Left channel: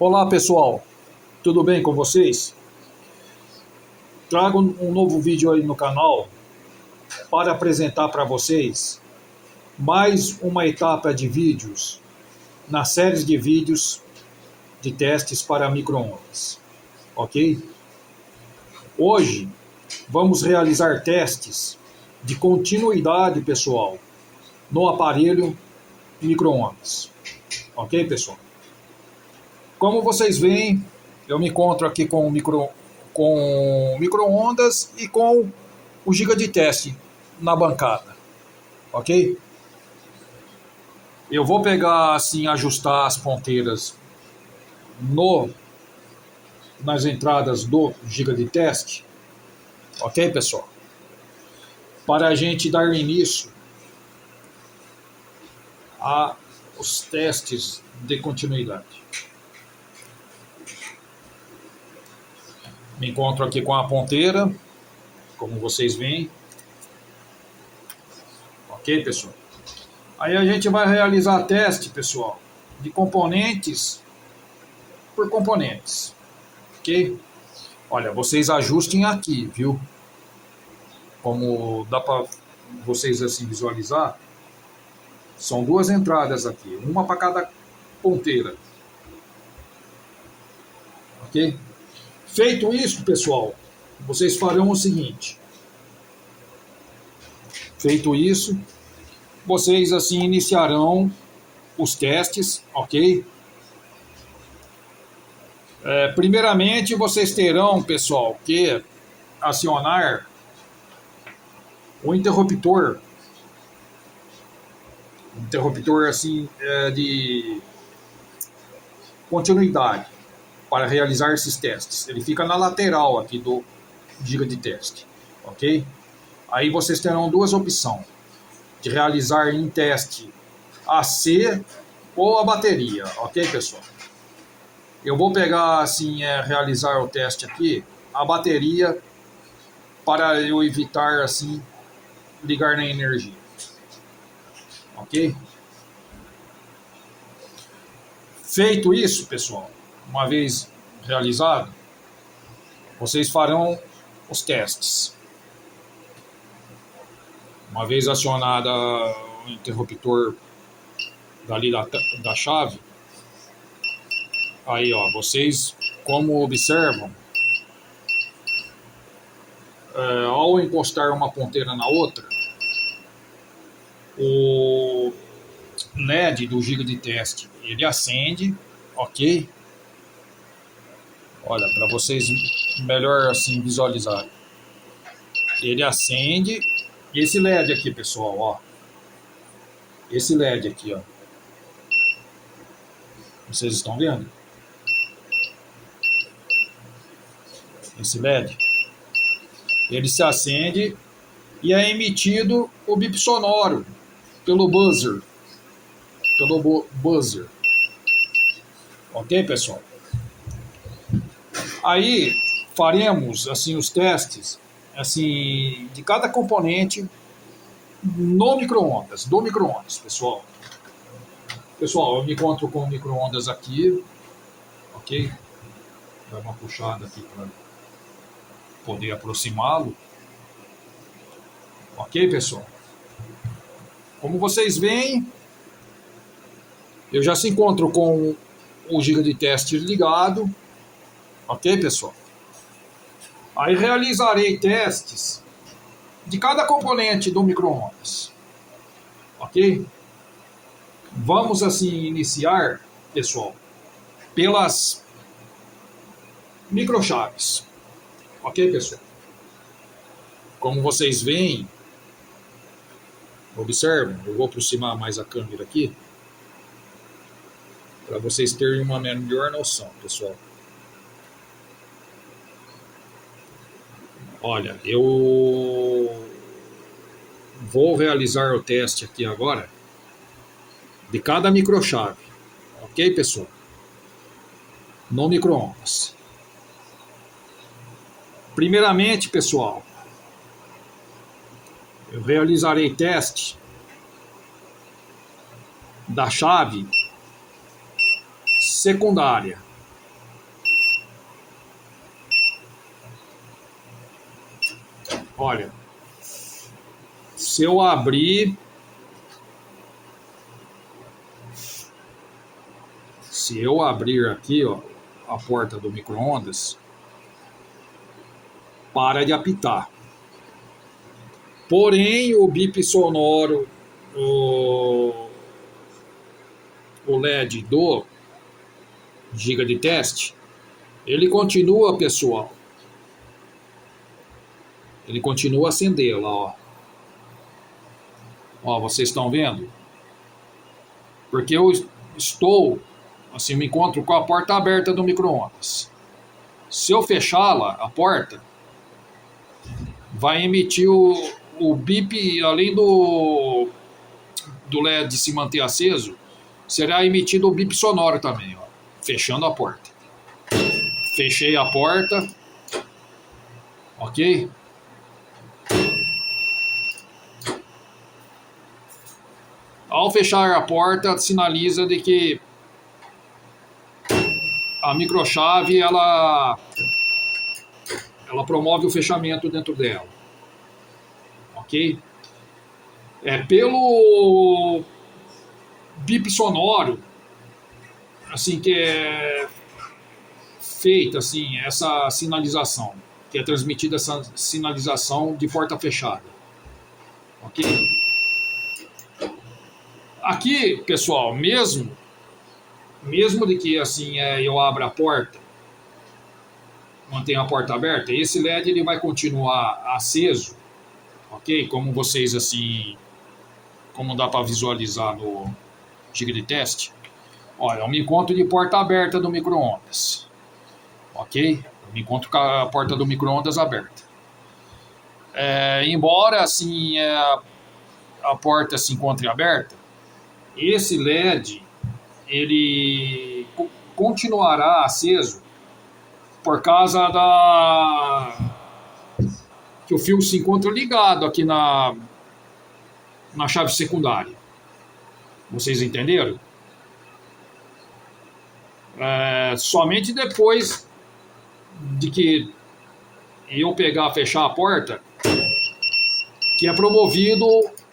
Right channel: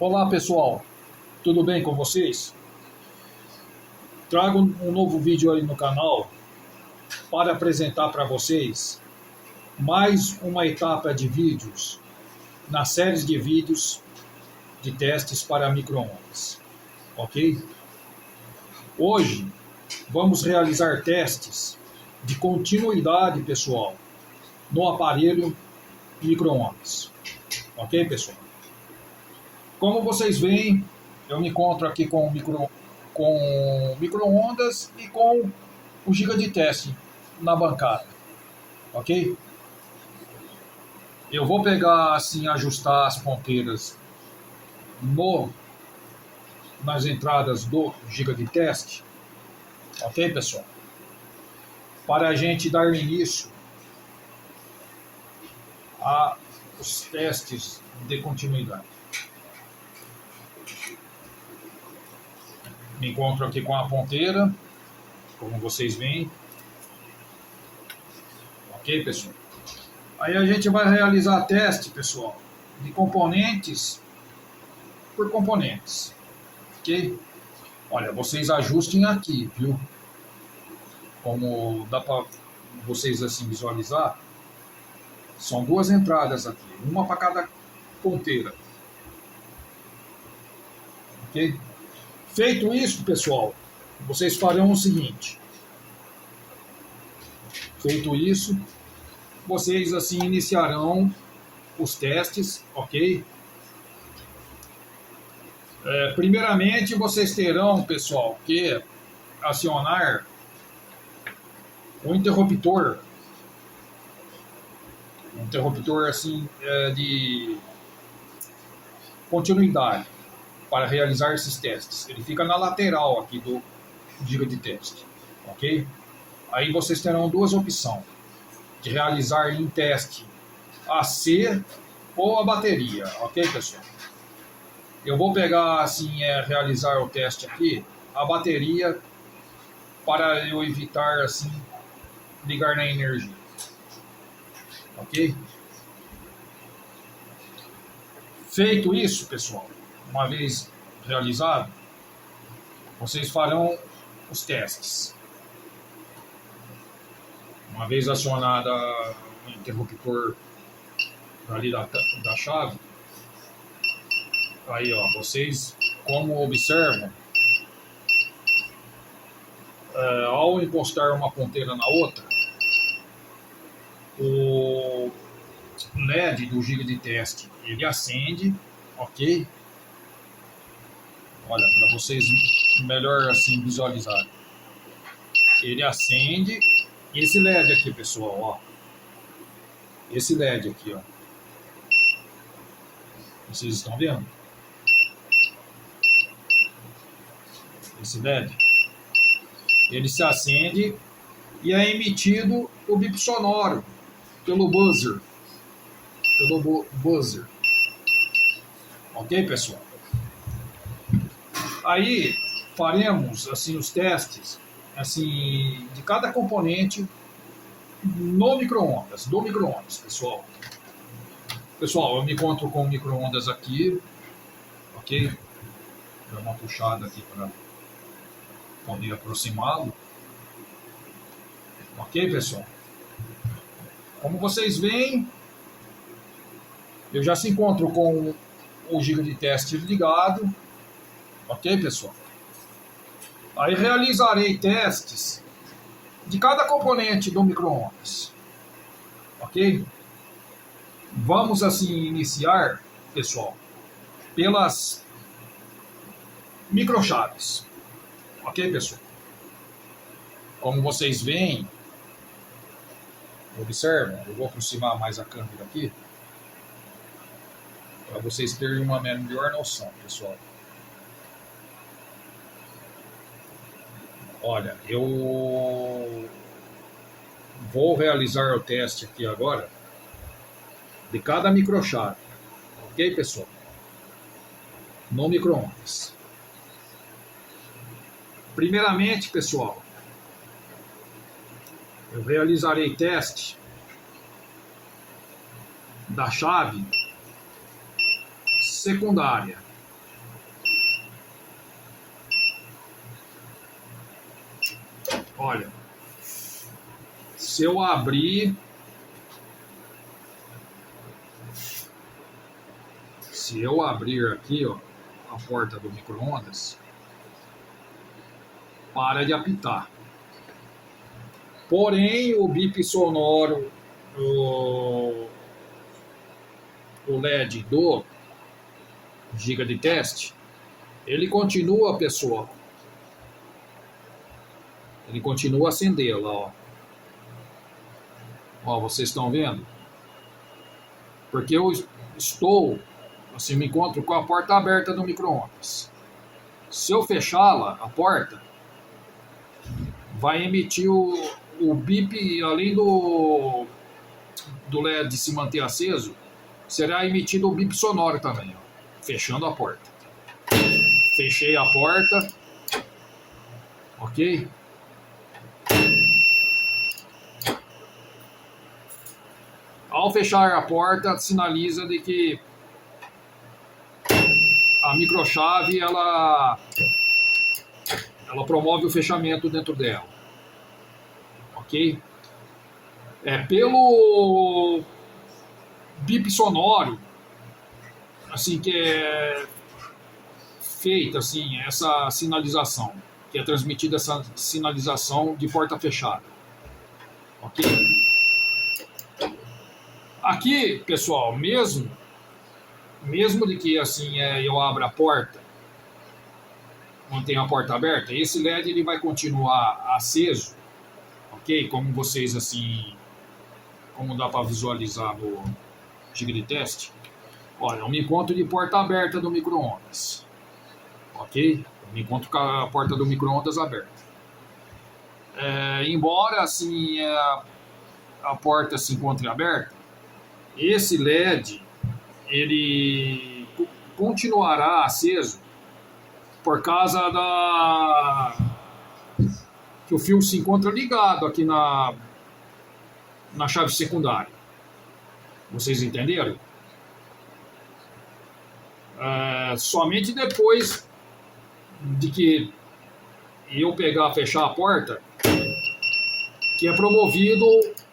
Olá pessoal, tudo bem com vocês? Trago um novo vídeo aí no canal para apresentar para vocês mais uma etapa de vídeos na série de vídeos de testes para micro-ondas, ok? Hoje vamos realizar testes de continuidade, pessoal, no aparelho micro-ondas, ok, pessoal? Como vocês veem, eu me encontro aqui com micro-ondas e com o giga de teste na bancada, ok? Eu vou pegar assim, ajustar as ponteiras no, nas entradas do giga de teste, ok, pessoal? Para a gente dar início aos testes de continuidade. Me encontro aqui com a ponteira, como vocês veem, ok, pessoal? Aí a gente vai realizar teste, pessoal, de componentes por componentes, ok? Olha, vocês ajustem aqui, viu? Como dá para vocês assim visualizar, são duas entradas aqui, uma para cada ponteira, ok? Feito isso, pessoal, vocês farão o seguinte. Feito isso, vocês assim iniciarão os testes, ok? Primeiramente, vocês terão, pessoal, que acionar o interruptor, um interruptor assim de continuidade para realizar esses testes. Ele fica na lateral aqui do giga de teste, ok? Aí vocês terão duas opções de realizar em teste AC ou a bateria, ok, pessoal? Eu vou pegar assim, realizar o teste aqui, a bateria, para eu evitar assim ligar na energia, ok? Feito isso, pessoal, uma vez realizado, vocês farão os testes. Uma vez acionada o interruptor dali da chave, aí ó, vocês como observam, ao encostar uma ponteira na outra, o LED do giga de teste ele acende, ok? Olha, para vocês melhor assim visualizar, ele acende. Esse LED aqui, pessoal, ó, esse LED aqui, ó, vocês estão vendo? Esse LED, ele se acende e é emitido o bip sonoro pelo buzzer, ok, pessoal? Aí faremos assim os testes assim de cada componente no micro-ondas, do micro-ondas, pessoal. Pessoal, eu me encontro com o micro-ondas aqui, ok? Dá uma puxada aqui para poder aproximá-lo, ok, pessoal? Como vocês veem, eu já se encontro com o giga de teste ligado, ok, pessoal? Aí realizarei testes de cada componente do micro-ondas, ok? Vamos assim iniciar, pessoal, pelas microchaves, ok, pessoal? Como vocês veem, observam, eu vou aproximar mais a câmera aqui para vocês terem uma melhor noção, pessoal. Olha, eu vou realizar o teste aqui agora de cada microchave, ok, pessoal? No micro-ondas. Primeiramente, pessoal, eu realizarei teste da chave secundária, Olha, se eu abrir aqui, ó, a porta do micro-ondas, para de apitar. Porém, o bip sonoro, o LED do giga de teste, ele continua, pessoal. Ele continua a acender lá, ó. Ó, vocês estão vendo? Porque eu estou, assim, me encontro com a porta aberta do micro-ondas. Se eu fechá-la, a porta, vai emitir o bip, além do LED se manter aceso, será emitido o bip sonoro também, ó, fechando a porta. Fechei a porta, ok? Ao fechar a porta, sinaliza de que a microchave ela promove o fechamento dentro dela, ok? Pelo bip sonoro, assim que é feita assim essa sinalização, que é transmitida essa sinalização de porta fechada, ok? Aqui, pessoal, mesmo de que assim eu abra a porta, mantenha a porta aberta, esse LED ele vai continuar aceso, ok? Como vocês assim, como dá para visualizar no giga de teste. Olha, eu me encontro de porta aberta do micro-ondas, ok? Eu me encontro com a porta do micro-ondas aberta. Embora assim a porta se encontre aberta, esse LED ele continuará aceso por causa que o fio se encontra ligado aqui na chave secundária. Vocês entenderam? Somente depois de que eu fechar a porta, que é promovido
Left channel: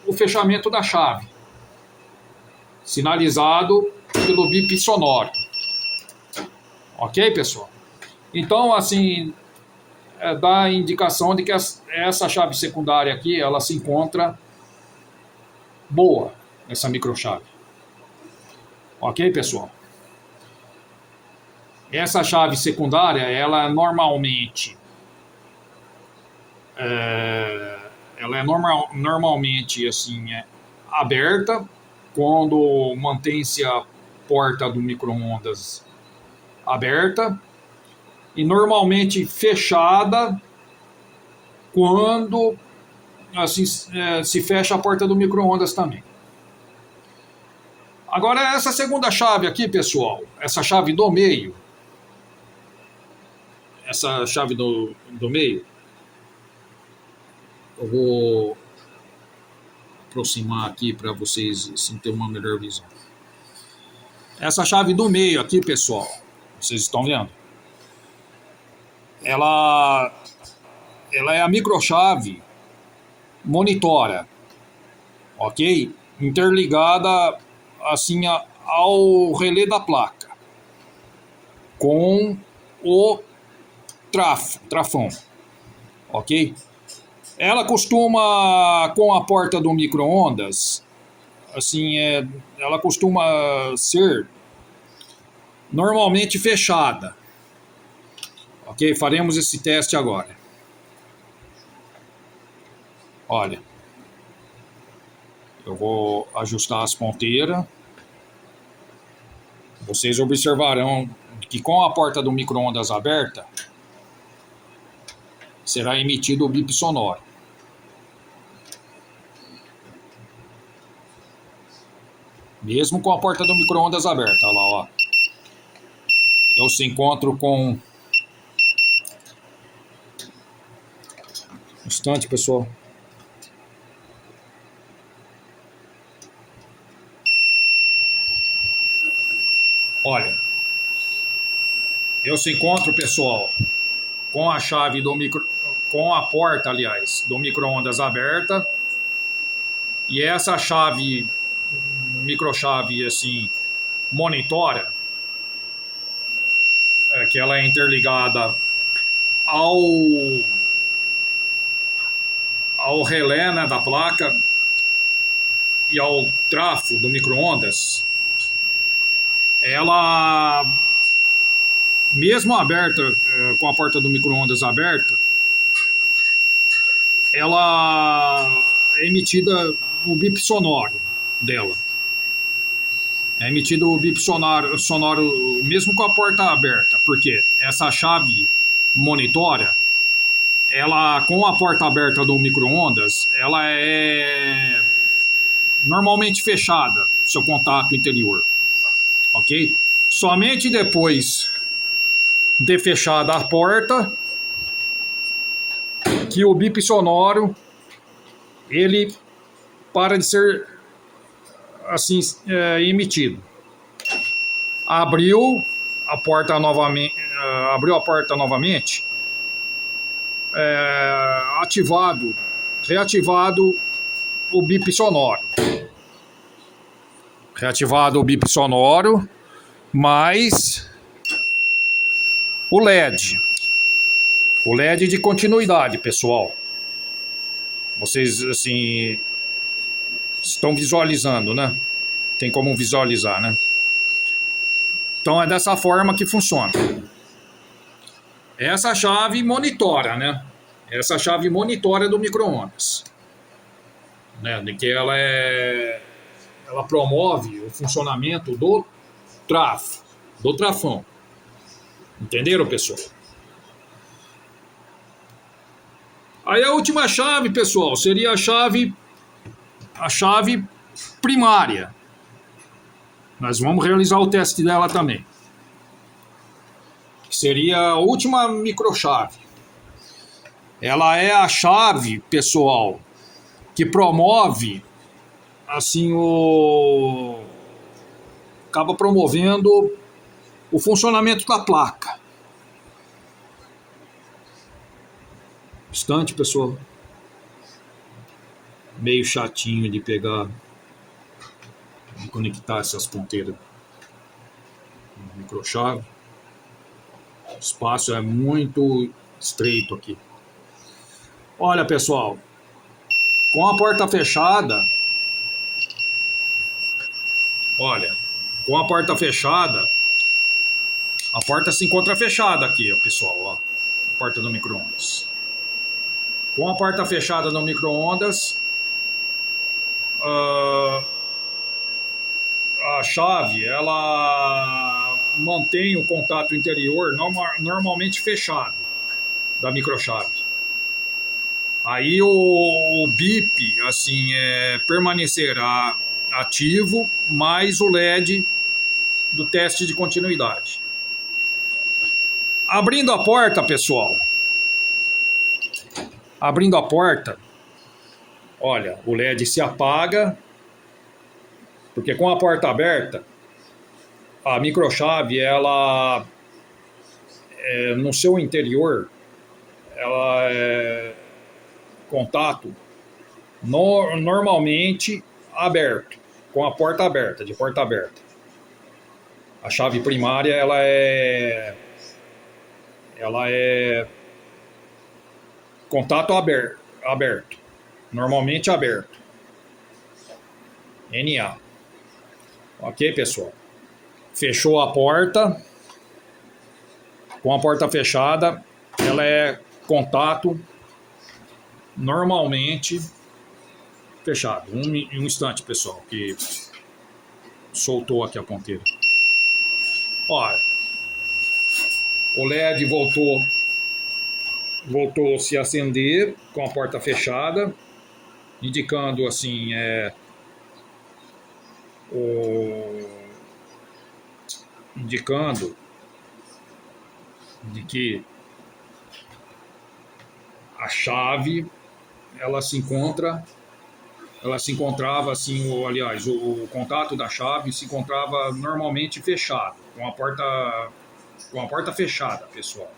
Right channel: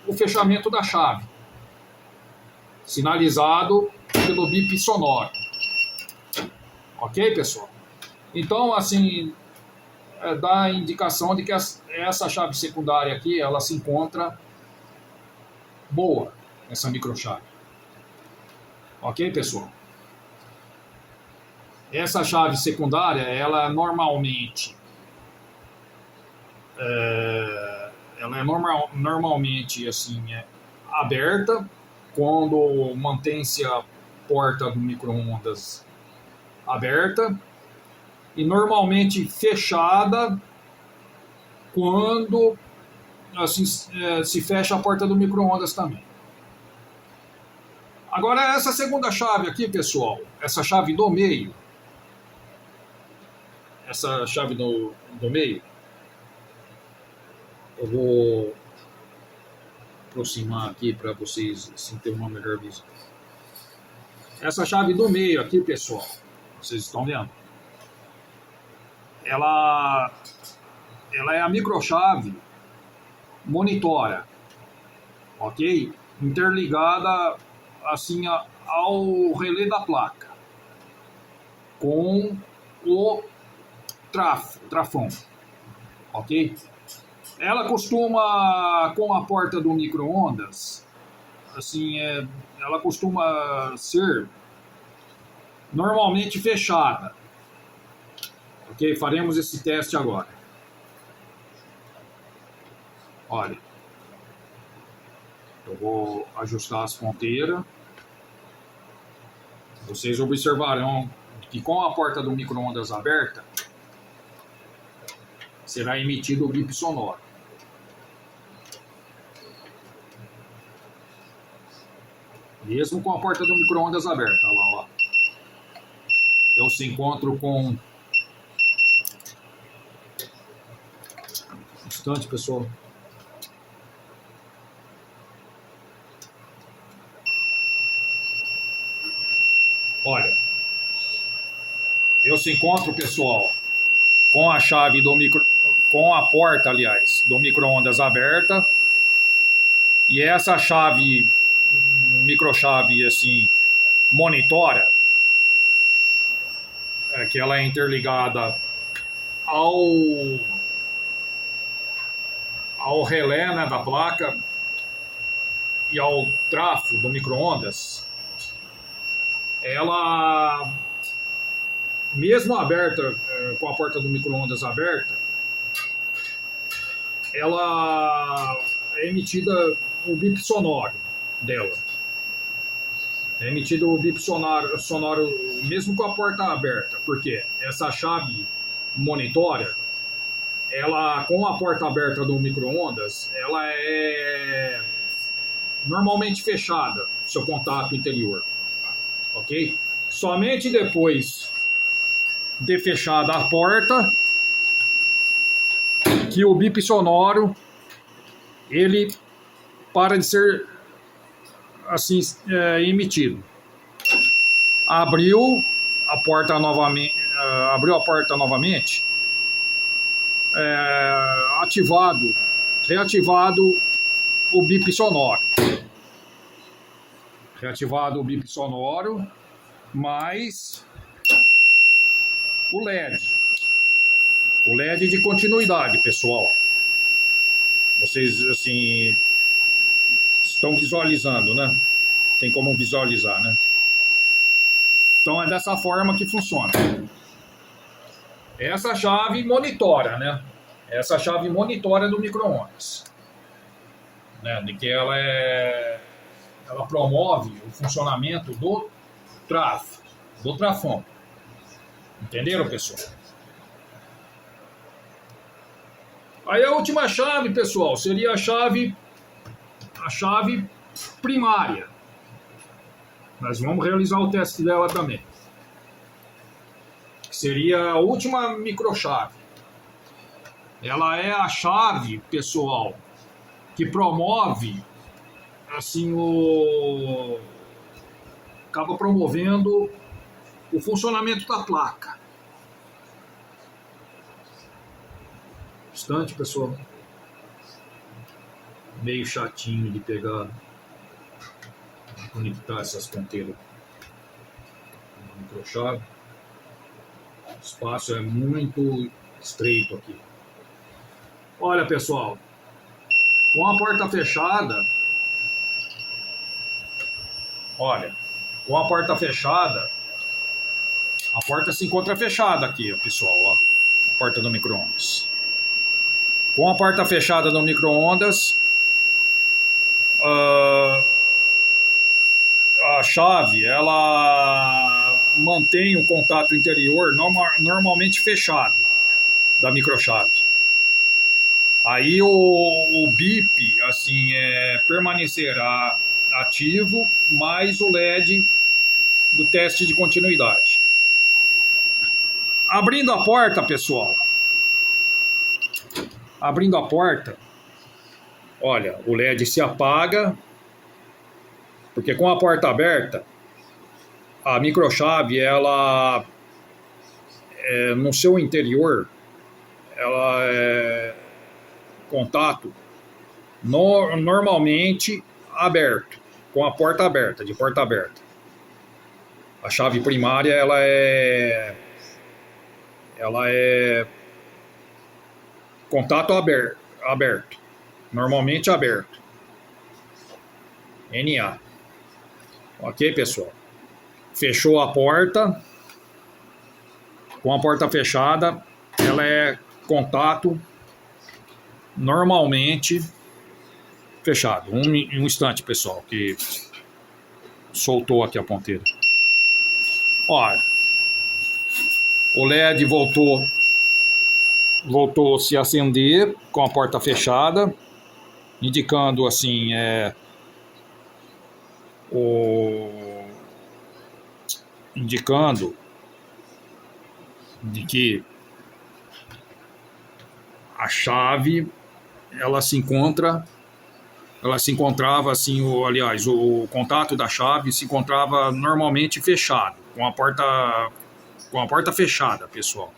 o fechamento da chave, sinalizado pelo bip sonoro. Ok, pessoal? Então, assim, dá a indicação de que essa chave secundária aqui, ela se encontra boa, essa microchave. Ok, pessoal? Essa chave secundária, ela normalmente normalmente assim, aberta quando mantém-se a porta do micro-ondas aberta e normalmente fechada quando assim, se fecha a porta do micro-ondas também. Agora, essa segunda chave aqui, pessoal, essa chave do meio, eu vou aproximar aqui para vocês assim, ter uma melhor visão. Essa chave do meio aqui, pessoal, vocês estão vendo? Ela é a microchave monitora, ok? Interligada assim ao relé da placa com o trafão, ok? Ela costuma, com a porta do micro-ondas, assim, ela costuma ser normalmente fechada. Ok? Faremos esse teste agora. Olha, eu vou ajustar as ponteiras. Vocês observarão que com a porta do micro-ondas aberta, será emitido o bip sonoro. Mesmo com a porta do micro-ondas aberta, olha lá, ó. Eu se encontro com... Um instante, pessoal. Olha, eu se encontro, pessoal, com a chave com a porta, aliás, do micro-ondas aberta. E essa chave, microchave, assim, monitora, que ela é interligada ao relé, né, da placa e ao trafo do micro-ondas. Ela, mesmo aberta, com a porta do micro-ondas aberta, ela é emitida o bip sonoro dela. É emitido o bip sonoro mesmo com a porta aberta, porque essa chave monitora, ela, com a porta aberta do micro-ondas, ela é normalmente fechada, seu contato interior, ok? Somente depois de fechada a porta que o bip sonoro ele para de ser assim emitido. Abriu a porta novamente, reativado o bip sonoro. Reativado o bip sonoro, mais o LED. O LED de continuidade, pessoal. Vocês, assim, estão visualizando, né? Tem como visualizar, né? Então é dessa forma que funciona. Essa chave monitora, né? Essa chave monitora do micro-ondas, né? De que ela promove o funcionamento do trafão. Entenderam, pessoal? Aí a última chave, pessoal, seria a chave primária. Nós vamos realizar o teste dela também. Seria a última microchave. Ela é a chave, pessoal, que promove, assim, acaba promovendo o funcionamento da placa. Instante, pessoal. Meio chatinho de pegar, de conectar essas ponteiras na microchave. O espaço é muito estreito aqui. Olha, pessoal, com a porta fechada, a porta se encontra fechada aqui, pessoal, ó, a porta do micro-ondas. Com a porta fechada do micro-ondas, a chave, ela mantém o contato interior normalmente fechado da microchave. Aí o bip, assim, permanecerá ativo, mais o LED do teste de continuidade. Abrindo a porta, pessoal, olha, o LED se apaga, porque com a porta aberta, a microchave, ela, no seu interior, ela é contato normalmente aberto, com a porta aberta, de porta aberta. A chave primária, ela é contato aberto, normalmente aberto. NA. Ok, pessoal? Fechou a porta. Com a porta fechada, ela é contato normalmente fechado. Um instante, pessoal, que soltou aqui a ponteira. Olha, o LED voltou a se acender com a porta fechada, indicando assim indicando de que a chave ela se encontrava assim, o contato da chave se encontrava normalmente fechado, com a porta fechada, pessoal.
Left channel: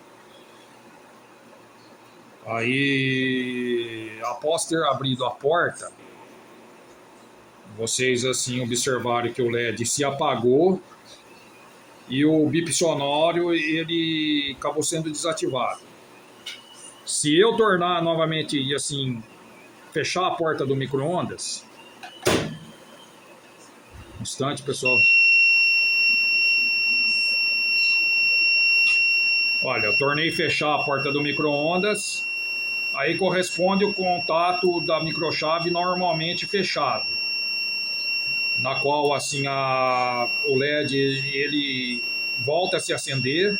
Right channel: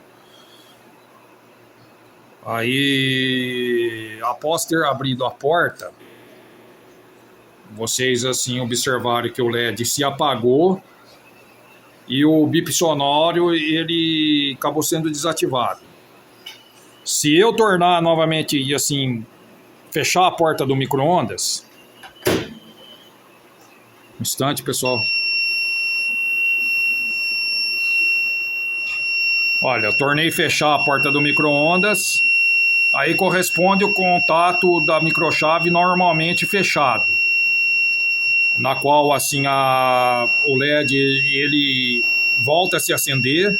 Aí, após ter abrido a porta, vocês assim observaram que o LED se apagou e o bip sonoro ele acabou sendo desativado. Se eu tornar novamente e assim fechar a porta do micro-ondas, um instante, pessoal. Olha, eu tornei fechar a porta do micro-ondas, aí corresponde o contato da microchave normalmente fechado, na qual assim o LED ele volta a se acender,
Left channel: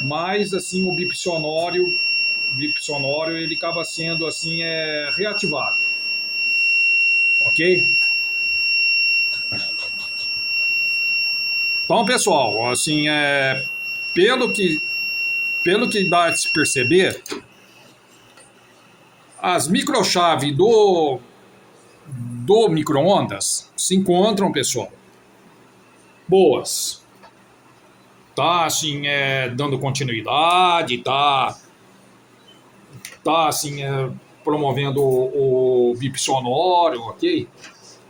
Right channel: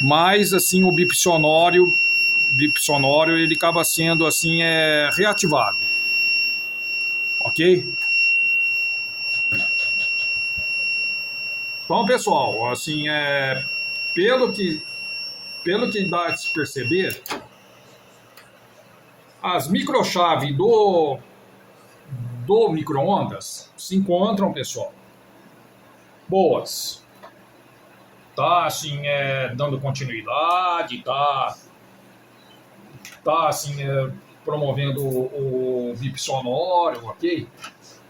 mas assim o bip sonoro ele acaba sendo assim reativado, ok? Então, pessoal, assim pelo que dá a se perceber, as microchaves do micro-ondas se encontram, pessoal, boas. Tá assim dando continuidade, tá assim promovendo o bip sonoro, ok?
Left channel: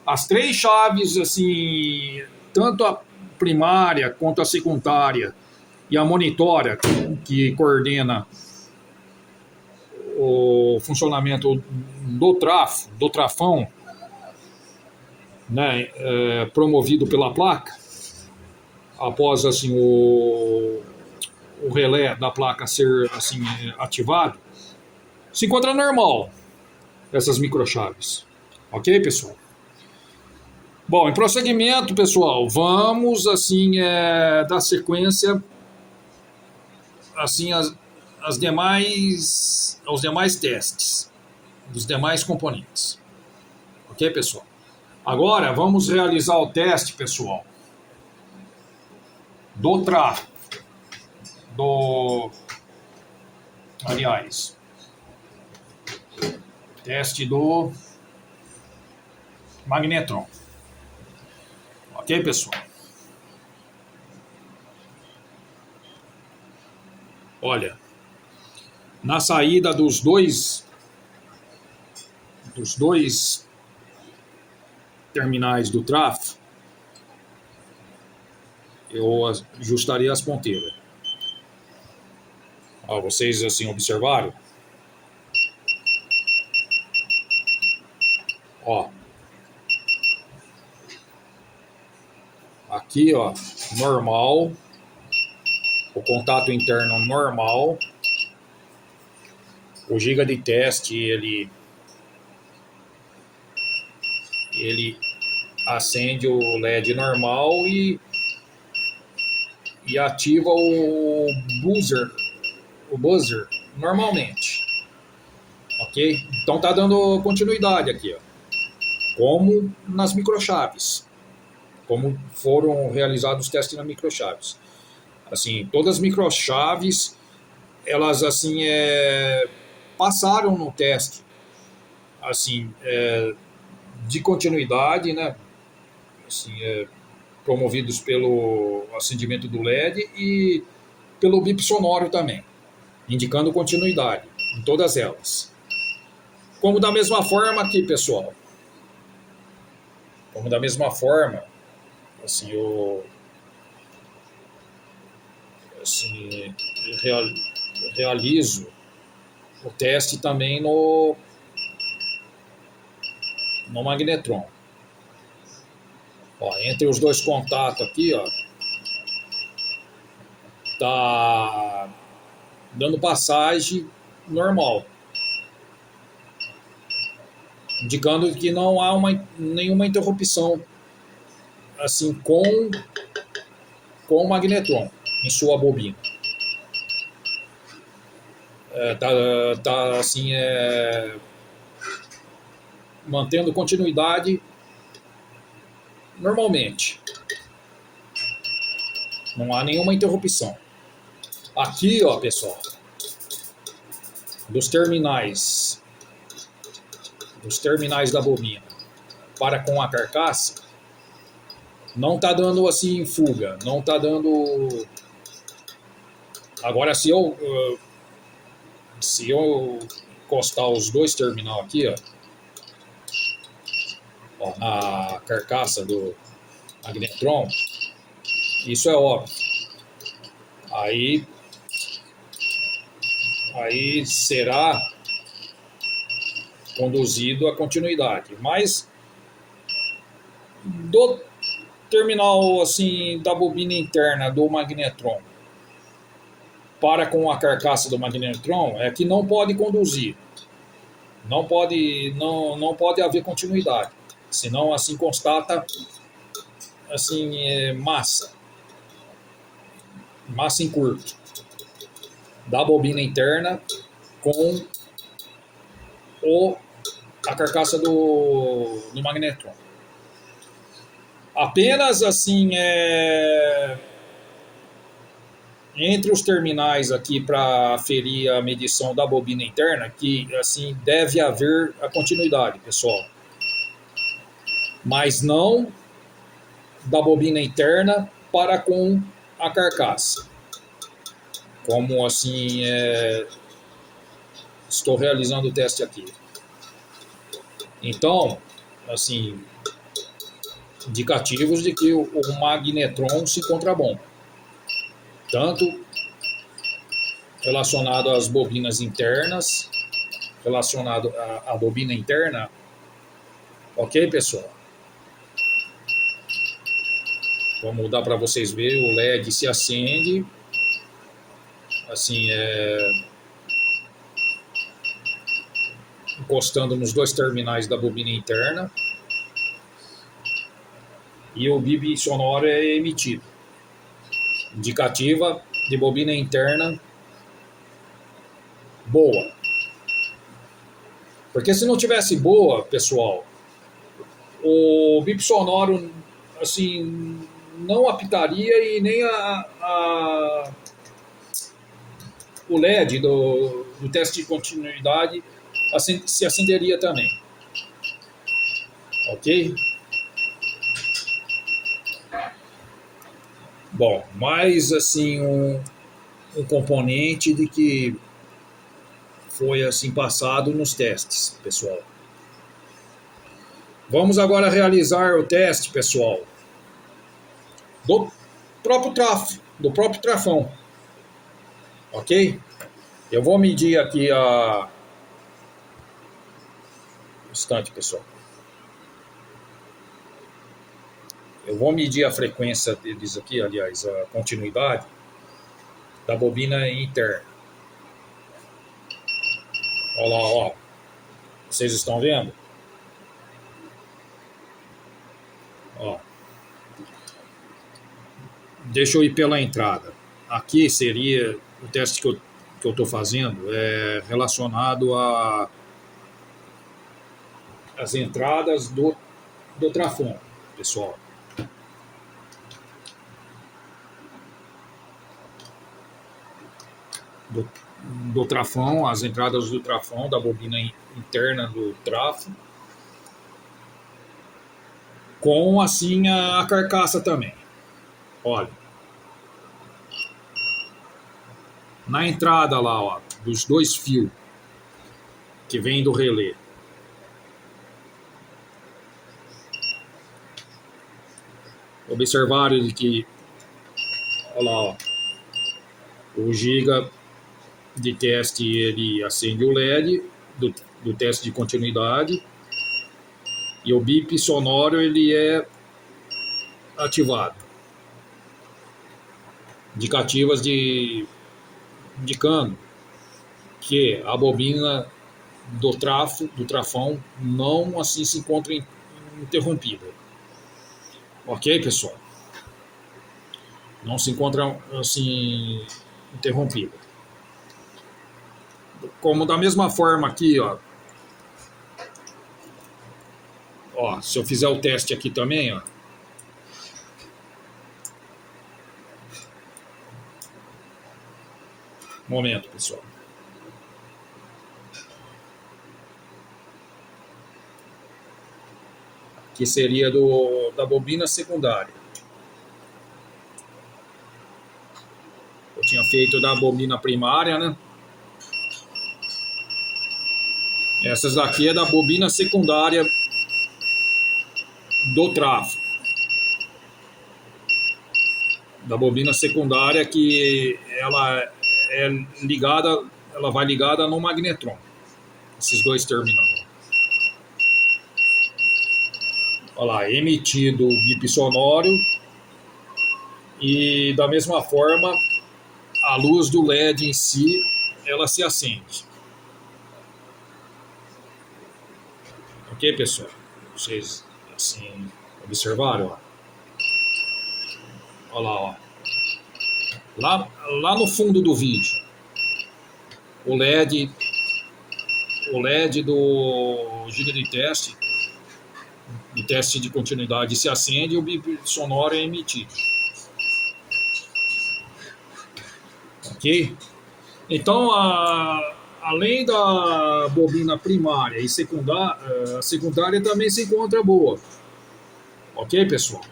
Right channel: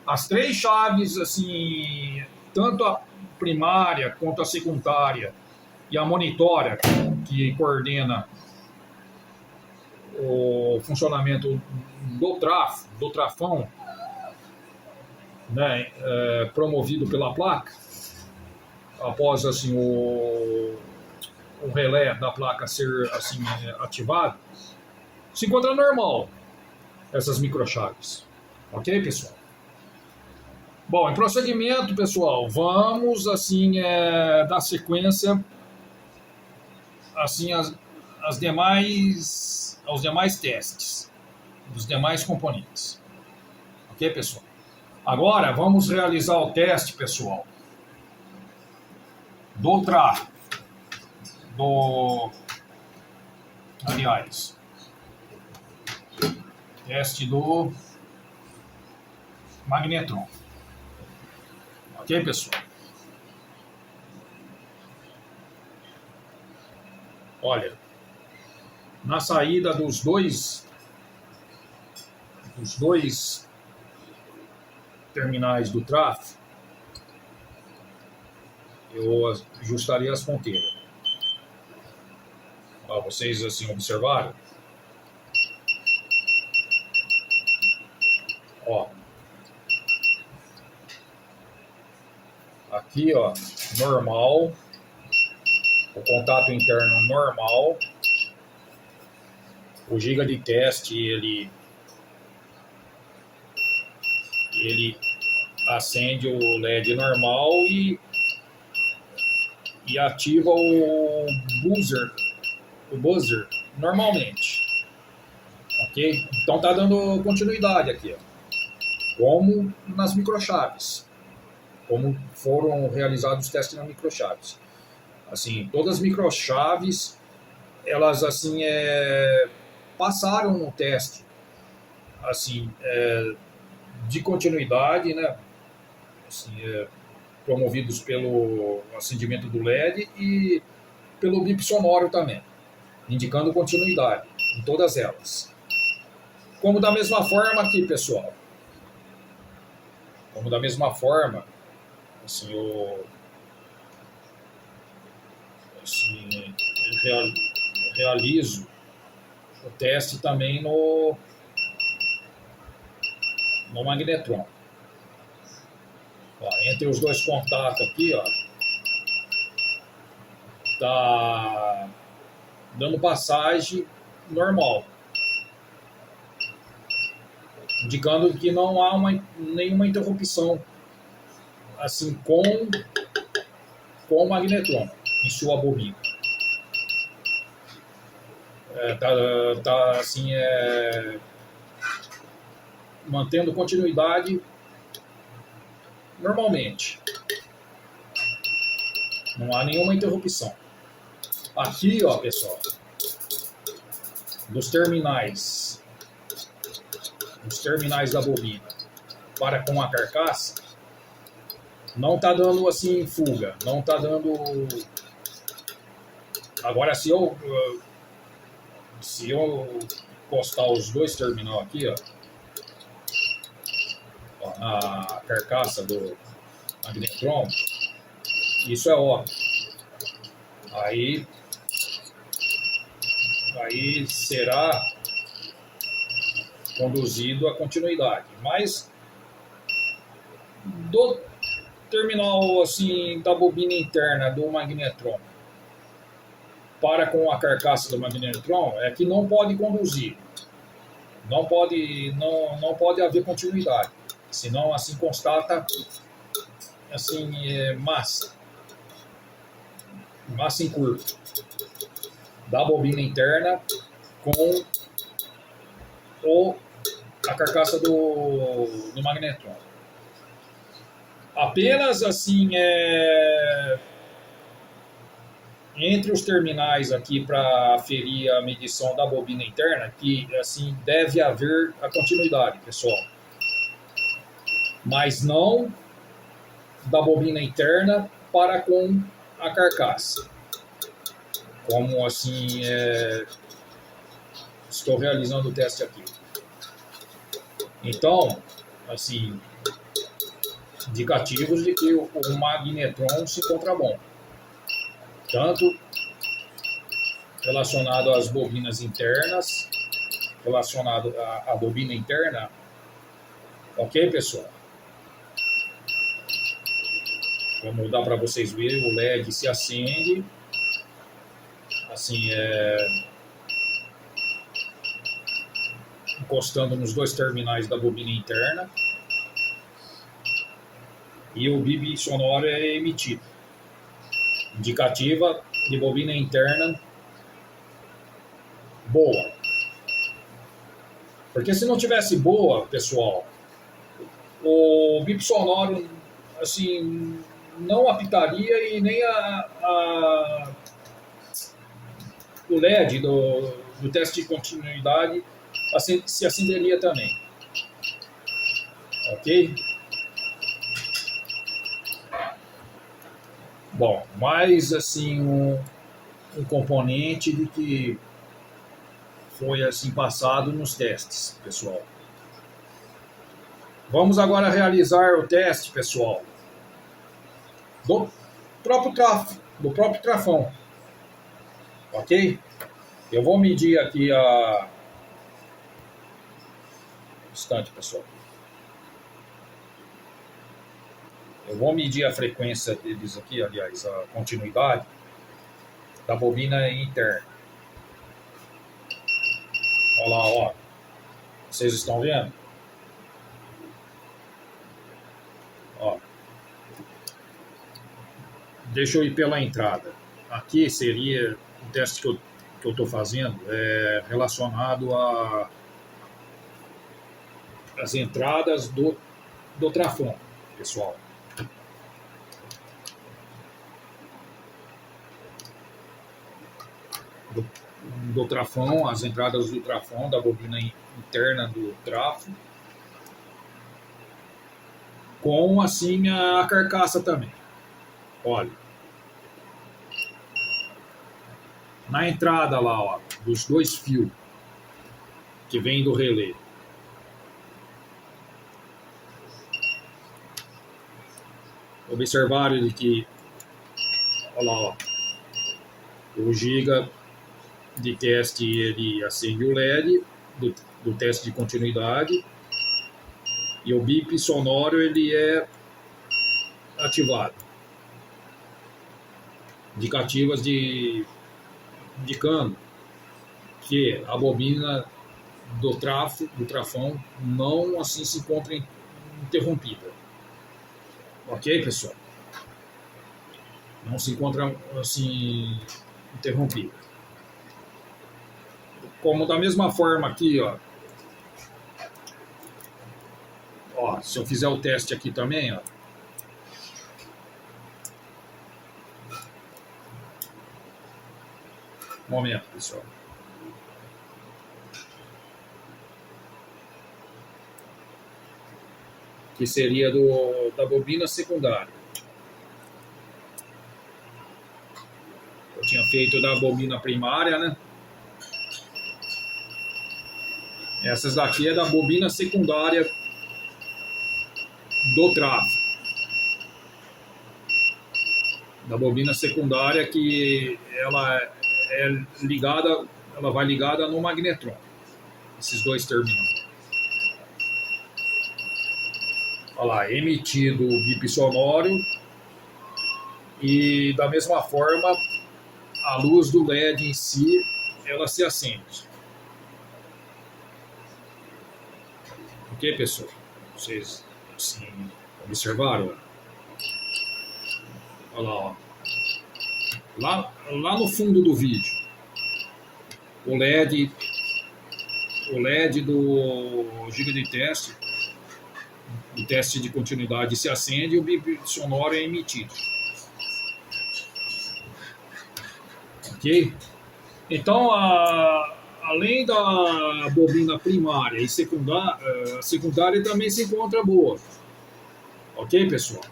As três chaves assim, tanto a primária quanto a secundária e a monitória, que coordena o funcionamento do trafão, né, promovido pela placa, após assim o relé da placa ser assim ativado, se encontra normal essas microchaves, ok, pessoal? Bom, em prosseguimento, pessoal, vamos assim dar sequência assim aos demais testes dos demais componentes, ok, pessoal? Agora vamos realizar o teste, pessoal, do tráfego, aliás, teste do magnetron, ok, pessoal? Olha, na saída dos dois terminais do tráfego, eu ajustaria as ponteiras. Ó, vocês assim observaram? Ó, aqui ó, normal, o contato interno normal, o giga de teste ele acende o LED normal e ativa o buzzer normalmente, ok? Então tá dando continuidade aqui, ó, como nas microchaves, como foram realizados os testes nas microchaves. Assim, todas as microchaves elas assim passaram no teste assim de continuidade, né? Assim, promovidos pelo acendimento do LED e pelo bip sonoro também, indicando continuidade em todas elas. Como da mesma forma aqui, pessoal. Como da mesma forma, assim, realizo o teste também no magnetron. Ó, entre os dois contatos aqui, ó, tá dando passagem normal, indicando que não há nenhuma interrupção assim com o magnetron em sua bobina. Tá assim mantendo continuidade normalmente. Não há nenhuma interrupção. Aqui, ó, pessoal, dos terminais da bobina para com a carcaça, não tá dando assim fuga, não tá dando. Agora, se eu Se eu encostar os dois terminais aqui, ó, na carcaça do magnetron, isso é óbvio. Aí será conduzido a continuidade. Mas do terminal assim da bobina interna do magnetron para com a carcaça do magnetron é que não pode conduzir. Não pode haver continuidade. Senão assim constata assim massa em curto da bobina interna com a carcaça do magnetron. Apenas assim entre os terminais aqui para aferir a medição da bobina interna que assim deve haver a continuidade, pessoal. Mas não da bobina interna para com a carcaça. Como assim estou realizando o teste aqui. Então, assim, indicativos de que o magnetron se encontra bom. Tanto relacionado às bobinas internas, relacionado à bobina interna. Ok, pessoal? Como dá para vocês verem, o LED se acende. Assim, encostando nos dois terminais da bobina interna. E o bip sonoro é emitido. Indicativa de bobina interna boa. Porque se não tivesse boa, pessoal, o bip sonoro assim não apitaria e nem o LED do teste de continuidade se acenderia também. Ok? Bom, mais assim um componente de que foi assim passado nos testes, pessoal. Vamos agora realizar o teste, pessoal, do próprio trafão. Ok? Eu vou medir aqui a... Um instante, pessoal. Eu vou medir a frequência deles aqui, aliás, a continuidade da bobina interna. Olha lá, ó. Vocês estão vendo? Ó. Deixa eu ir pela entrada. Aqui seria o teste que eu estou fazendo relacionado às entradas do trafão, pessoal. Do trafão, as entradas do trafão, da bobina interna do trafo, com assim a carcaça também. Olha, na entrada lá, ó, dos dois fios que vem do relé, observaram de que, olha lá, ó, o giga de teste ele acende o LED do teste de continuidade e o bip sonoro ele é ativado. Indicativas indicando que a bobina do trafão não assim se encontra interrompida. Ok, pessoal? Não se encontra assim interrompida. Como da mesma forma aqui, ó, se eu fizer o teste aqui também, ó, momento, pessoal. Que seria da bobina secundária. Eu tinha feito da bobina primária, né? Essas daqui é da bobina secundária do tráfego. Da bobina secundária que ela é ligada, ela vai ligada no magnetron. Esses dois terminais. Olha lá, emitido o bip sonoro e da mesma forma a luz do LED em si, ela se acende. Ok, pessoal? Vocês assim observaram? Olha lá, ó. Lá no fundo do vídeo, o LED do giga de teste, do teste de continuidade se acende e o bip sonoro é emitido. Ok? Então, além da bobina primária e secundária, a secundária também se encontra boa. Ok, pessoal?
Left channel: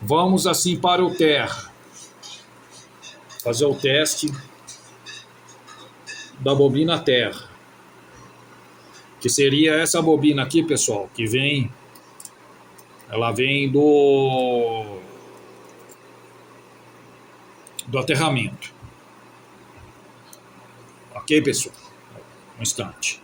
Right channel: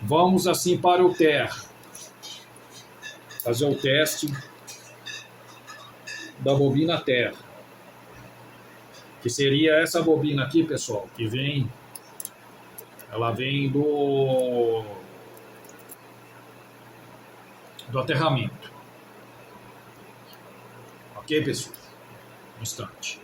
Vamos assim para o terra. Fazer o teste da bobina terra. Que seria essa bobina aqui, pessoal, que vem... Ela vem do aterramento. Ok, pessoal? Um instante.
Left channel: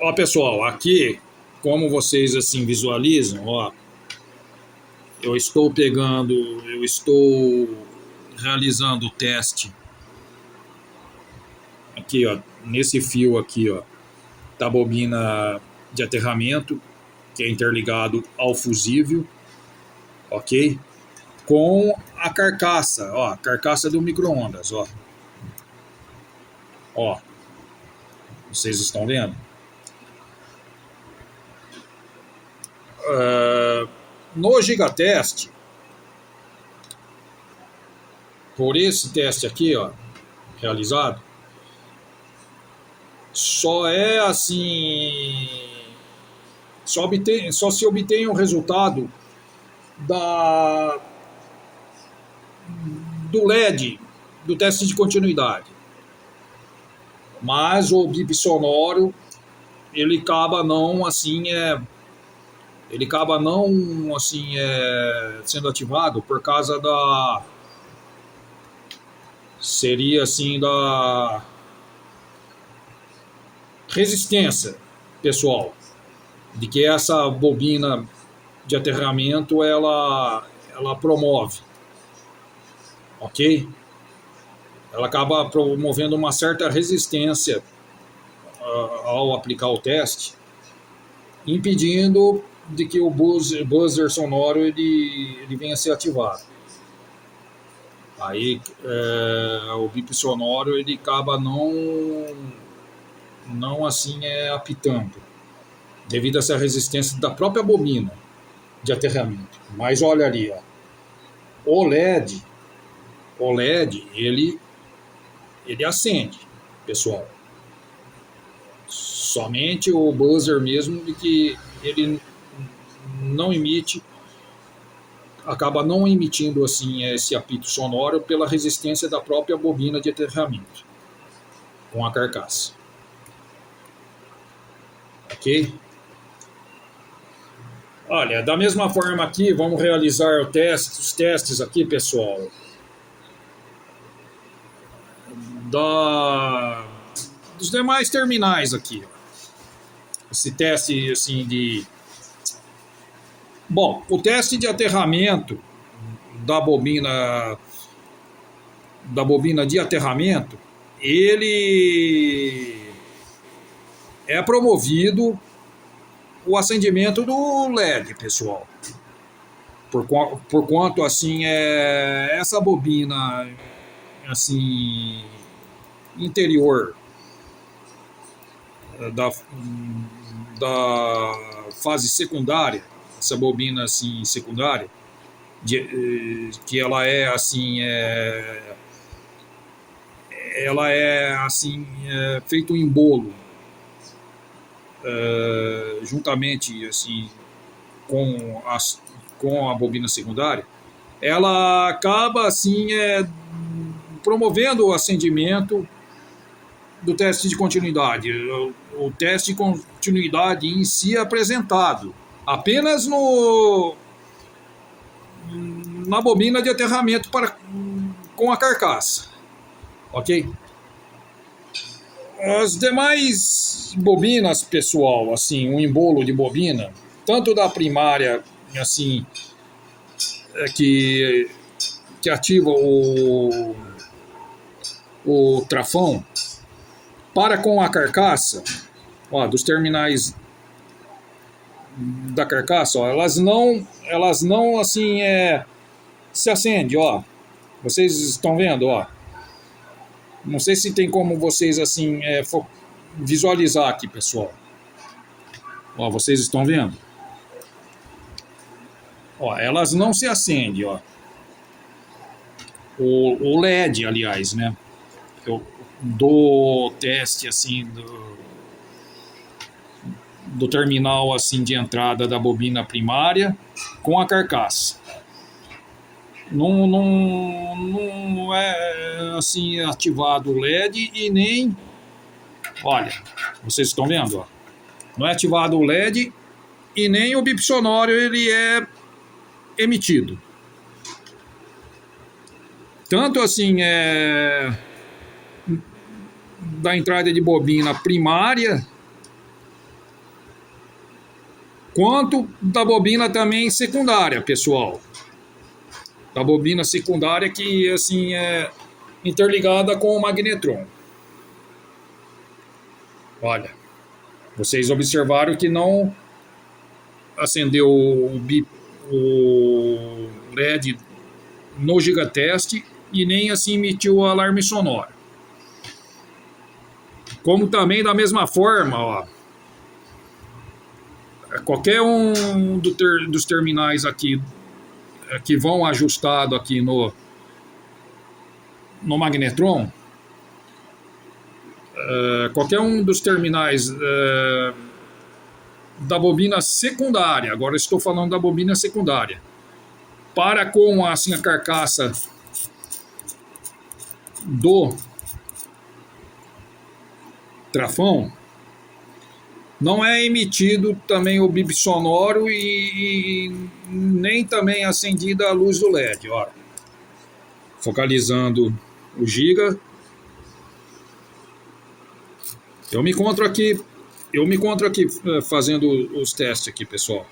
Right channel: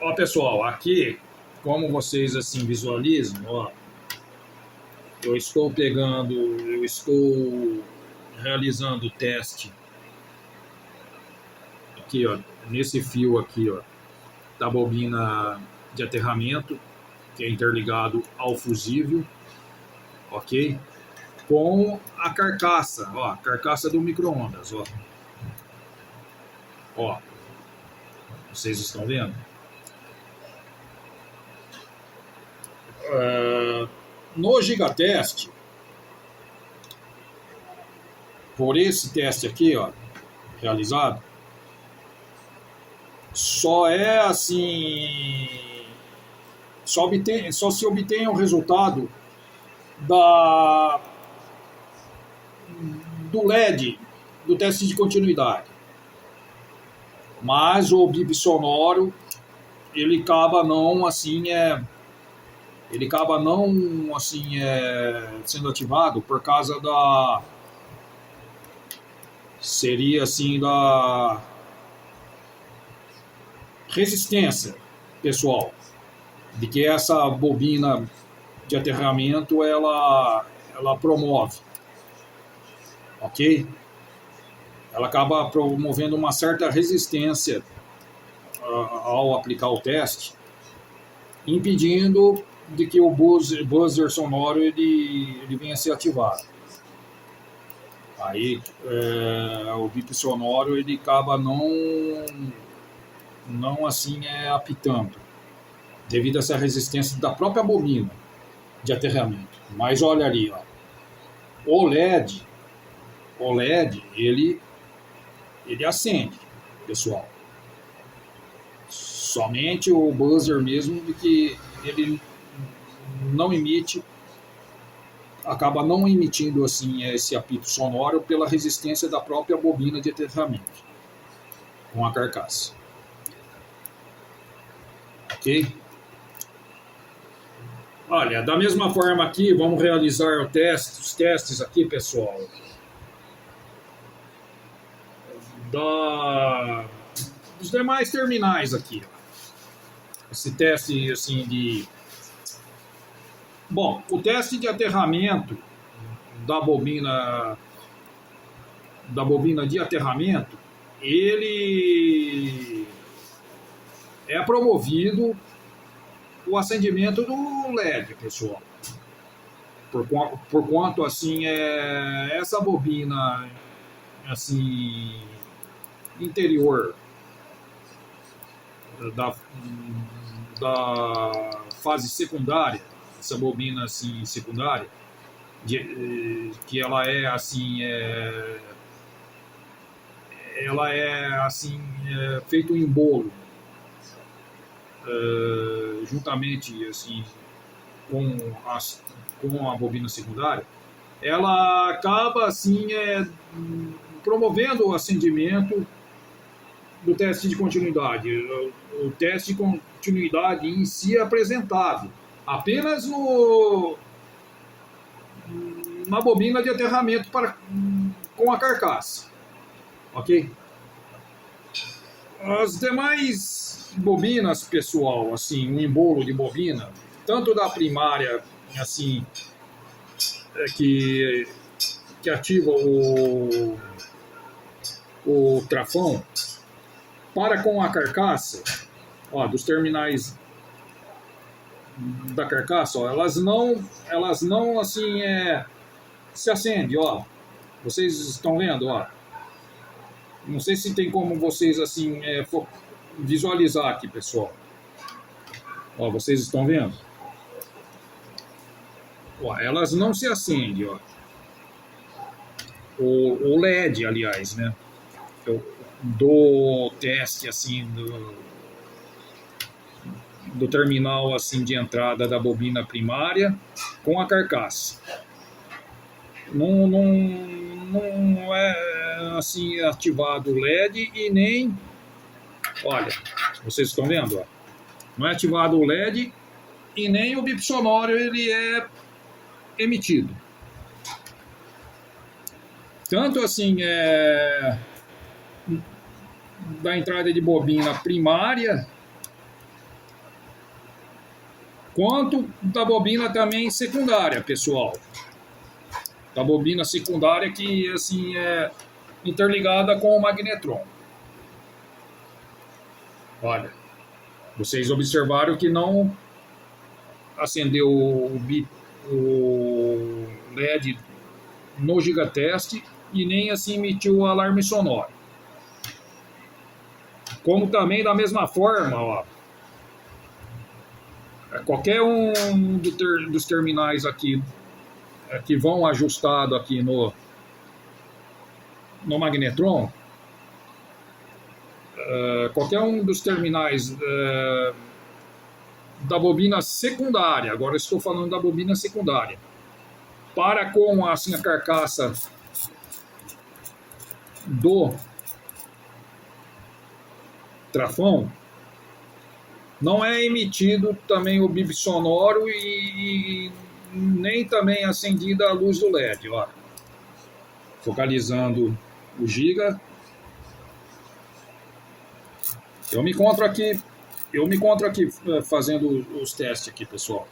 Ó, pessoal, aqui, como vocês assim visualizam, ó, eu estou realizando o teste aqui, ó, nesse fio aqui, ó, da bobina de aterramento, que é interligado ao fusível, ok? Com a carcaça, ó, carcaça do micro-ondas, ó. Ó, vocês estão vendo? No gigateste, por esse teste aqui, ó, realizado, só é assim, só se obtém o resultado do LED, do teste de continuidade. Mas o bip sonoro, ele acaba não sendo ativado por causa seria assim da resistência, pessoal, de que essa bobina de aterramento ela promove, ok? Ela acaba promovendo uma certa resistência ao aplicar o teste, impedindo de que o buzzer sonoro ele venha a ser ativado. Aí o bip sonoro ele acaba não assim apitando, devido a essa resistência da própria bobina de aterramento. Mas olha ali, ó, o LED ele acende, pessoal. Somente o buzzer mesmo de que ele não emite, acaba não emitindo assim esse apito sonoro pela resistência da própria bobina de aterramento com a carcaça. Ok? Olha, da mesma forma aqui, vamos realizar os testes aqui, pessoal, dos demais terminais aqui. Esse teste assim de... Bom, o teste de aterramento da bobina de aterramento, ele é promovido o acendimento do LED, pessoal. Por quanto assim essa bobina assim interior da fase secundária, essa bobina assim secundária, que ela é assim ela é assim, feito em bolo, juntamente assim com a bobina secundária, ela acaba assim promovendo o acendimento do teste de continuidade. O teste de continuidade em si é apresentado apenas na bobina de aterramento com a carcaça, ok? As demais bobinas, pessoal, assim, um embolo de bobina, tanto da primária, assim, que ativa o trafão, para com a carcaça, ó, dos terminais da carcaça, ó, elas não assim se acendem, ó. Vocês estão vendo, ó. Não sei se tem como vocês assim visualizar aqui, pessoal. Ó, vocês estão vendo? Ó, elas não se acendem, ó. O LED, aliás, né? Eu dou teste assim do terminal assim de entrada da bobina primária com a carcaça. Não é assim ativado o LED e nem, olha, vocês estão vendo, ó, não é ativado o LED e nem o bip sonoro ele é emitido. Tanto assim da entrada de bobina primária quanto da bobina também secundária, pessoal. Da bobina secundária que assim é interligada com o magnetron. Olha, vocês observaram que não acendeu o LED no gigateste e nem assim emitiu o alarme sonoro. Como também da mesma forma, ó, qualquer um dos terminais aqui que vão ajustado aqui no magnetron, qualquer um dos terminais da bobina secundária, agora estou falando da bobina secundária, para com assim, a carcaça do trafão, não é emitido também o bip sonoro e nem também acendida a luz do LED. Ó. Focalizando o giga. Eu me encontro aqui fazendo os testes aqui, pessoal.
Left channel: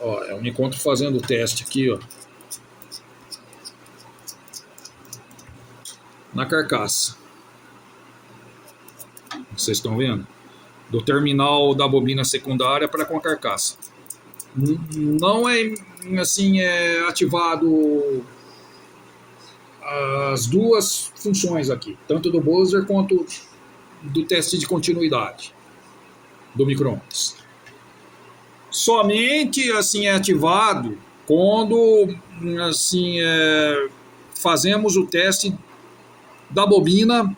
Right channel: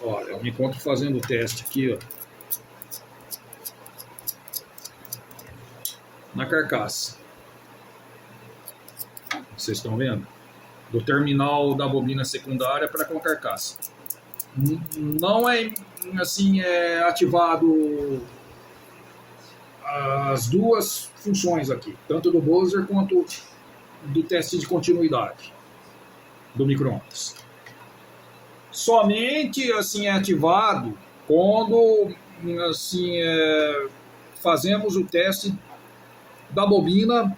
Ó, eu me encontro fazendo o teste aqui, ó, na carcaça. Vocês estão vendo? Do terminal da bobina secundária para com a carcaça. Não é assim ativado as duas funções aqui, tanto do buzzer quanto do teste de continuidade do micro-ondas. Somente assim é ativado quando assim fazemos o teste da bobina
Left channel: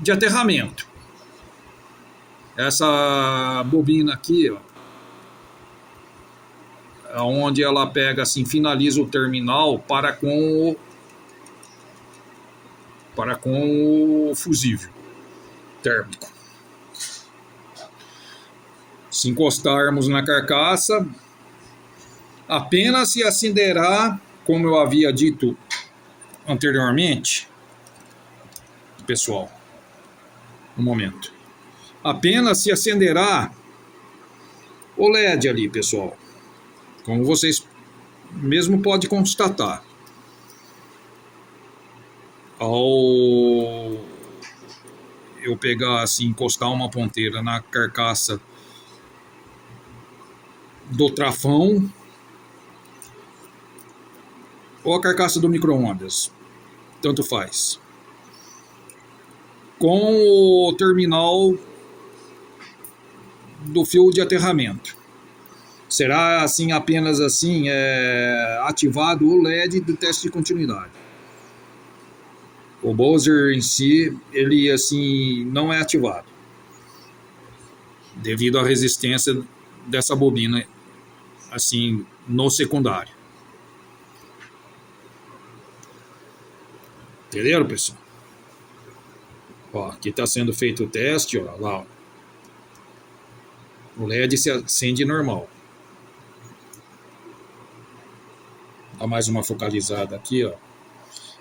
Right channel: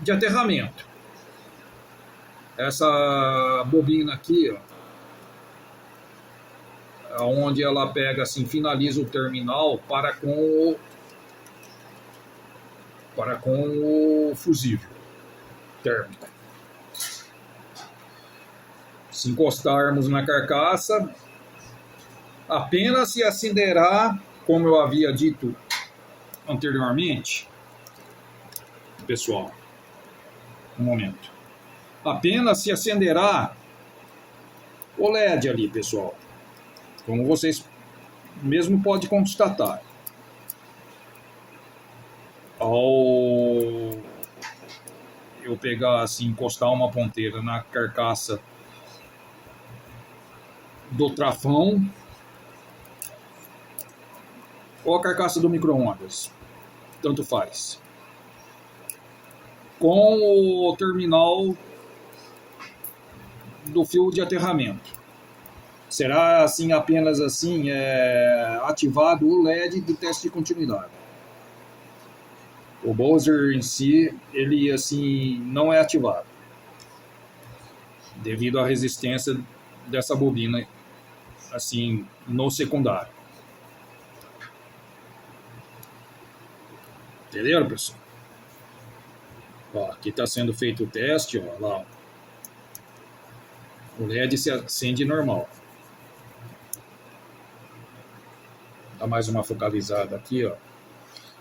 de aterramento. Essa bobina aqui, ó, onde ela pega assim, finaliza o terminal para com o fusível térmico. Se encostarmos na carcaça, apenas se acenderá, como eu havia dito anteriormente, pessoal, um momento. Apenas se acenderá o LED ali, pessoal. Como vocês mesmo podem constatar. Ao eu pegar assim, encostar uma ponteira na carcaça do trafão ou a carcaça do micro-ondas, tanto faz, com o terminal do fio de aterramento. será assim apenas assim ativado o LED do teste de continuidade. O buzzer em si, ele assim não é ativado devido à resistência dessa bobina assim no secundário. Entenderam, pessoal? Ó, aqui está sendo feito o teste, ó, lá. Ó. O LED se acende normal. Dá mais uma focalizada aqui, ó.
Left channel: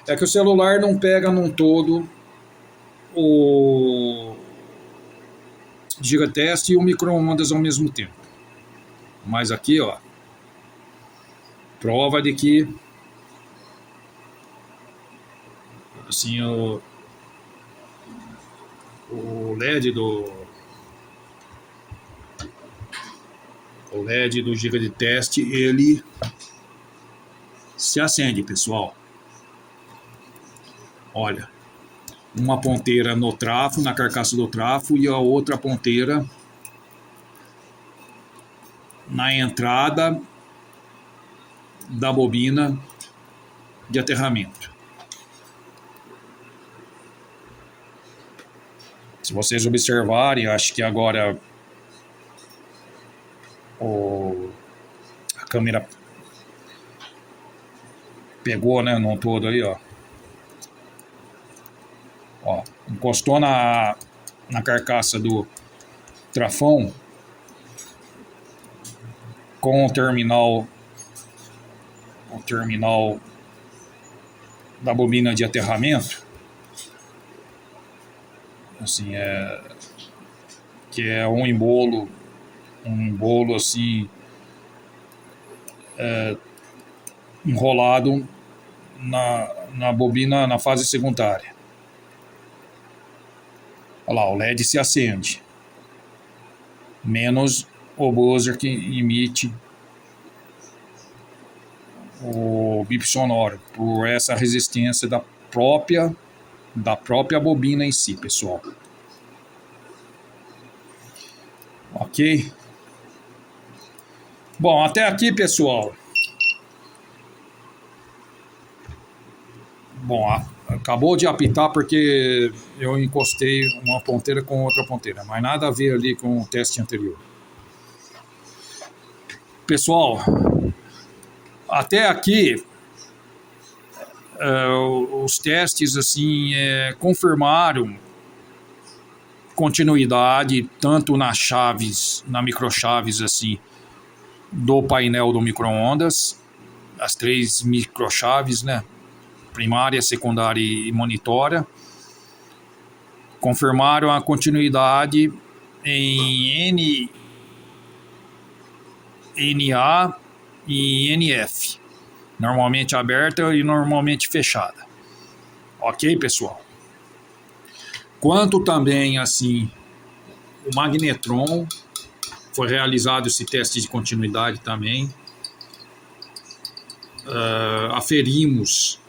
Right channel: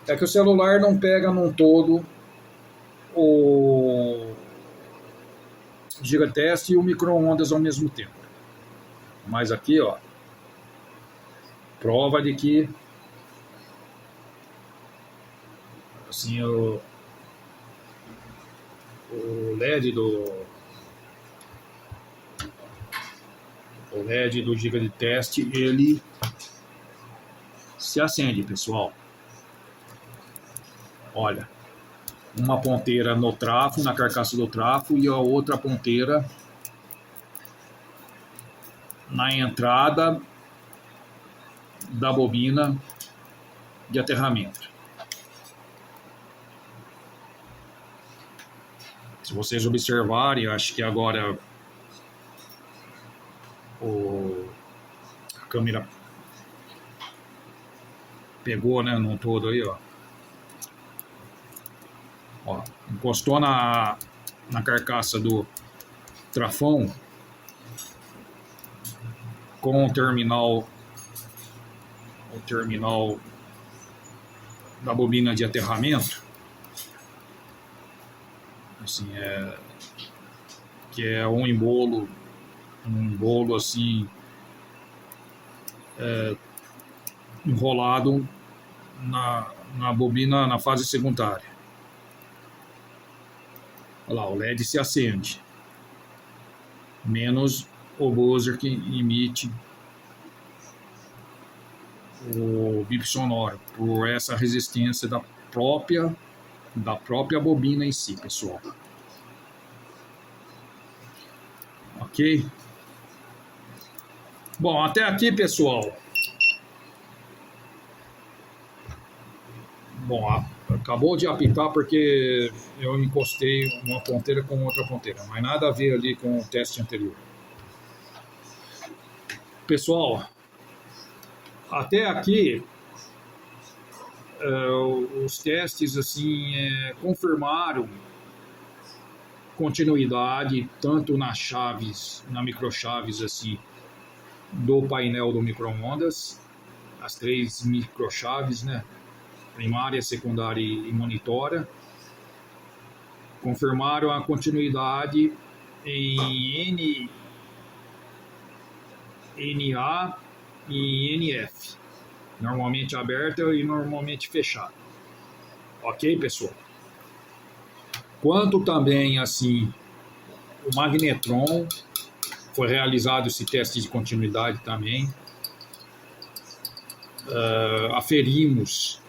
É que o celular não pega num todo o gigateste e o micro-ondas ao mesmo tempo. Mas aqui, ó, prova de que assim o LED do giga de teste, ele se acende, pessoal. Olha, uma ponteira no trafo, na carcaça do trafo, e a outra ponteira na entrada da bobina de aterramento. Se vocês observarem, acho que agora a câmera pegou, né, num todo aí, ó. Ó, encostou na carcaça do trafão com o terminal da bobina de aterramento, assim, que é um embolo assim enrolado na bobina na fase secundária. Olha lá, o LED se acende, menos o buzzer que emite o bip sonoro por essa resistência da própria bobina em si, pessoal. Ok? Bom, até aqui, pessoal. Bom, acabou de apitar porque eu encostei uma ponteira com outra ponteira, mas nada a ver ali com o teste anterior. Pessoal, até aqui os testes assim confirmaram continuidade tanto nas chaves, na microchaves assim do painel do micro-ondas, as 3 microchaves, né? Primária, secundária e monitora. Confirmaram a continuidade em NA e NF, normalmente aberta e normalmente fechada. Ok, pessoal? Quanto também assim o magnetron, foi realizado esse teste de continuidade também. Aferimos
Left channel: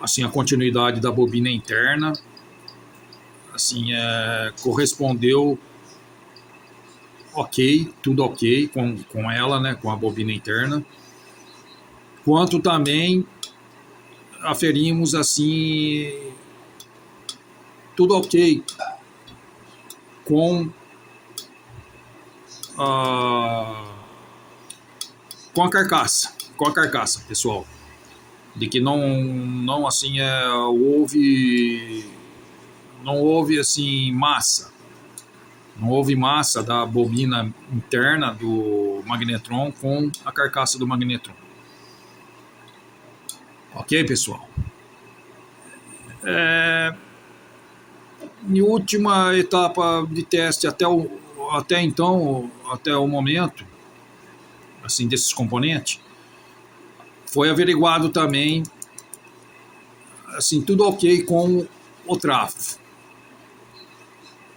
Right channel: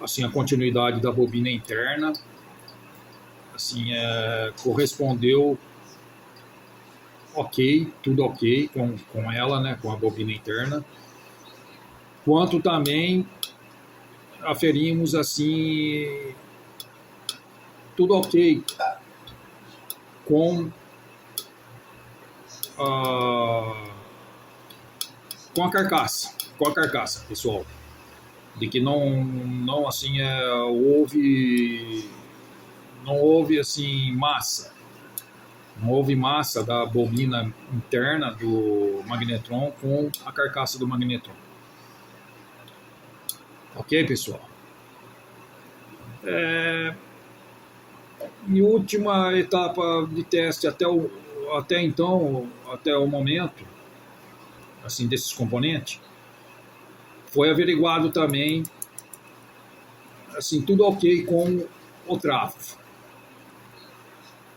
assim a continuidade da bobina interna, assim correspondeu ok, tudo ok com ela, né, com a bobina interna. Quanto também aferimos assim tudo ok com a carcaça, pessoal, de que não assim houve assim massa, não houve massa da bobina interna do magnetron com a carcaça do magnetron. Ok, pessoal? Em última etapa de teste até o momento, assim, desses componentes, foi averiguado também, assim, tudo ok com o trafo.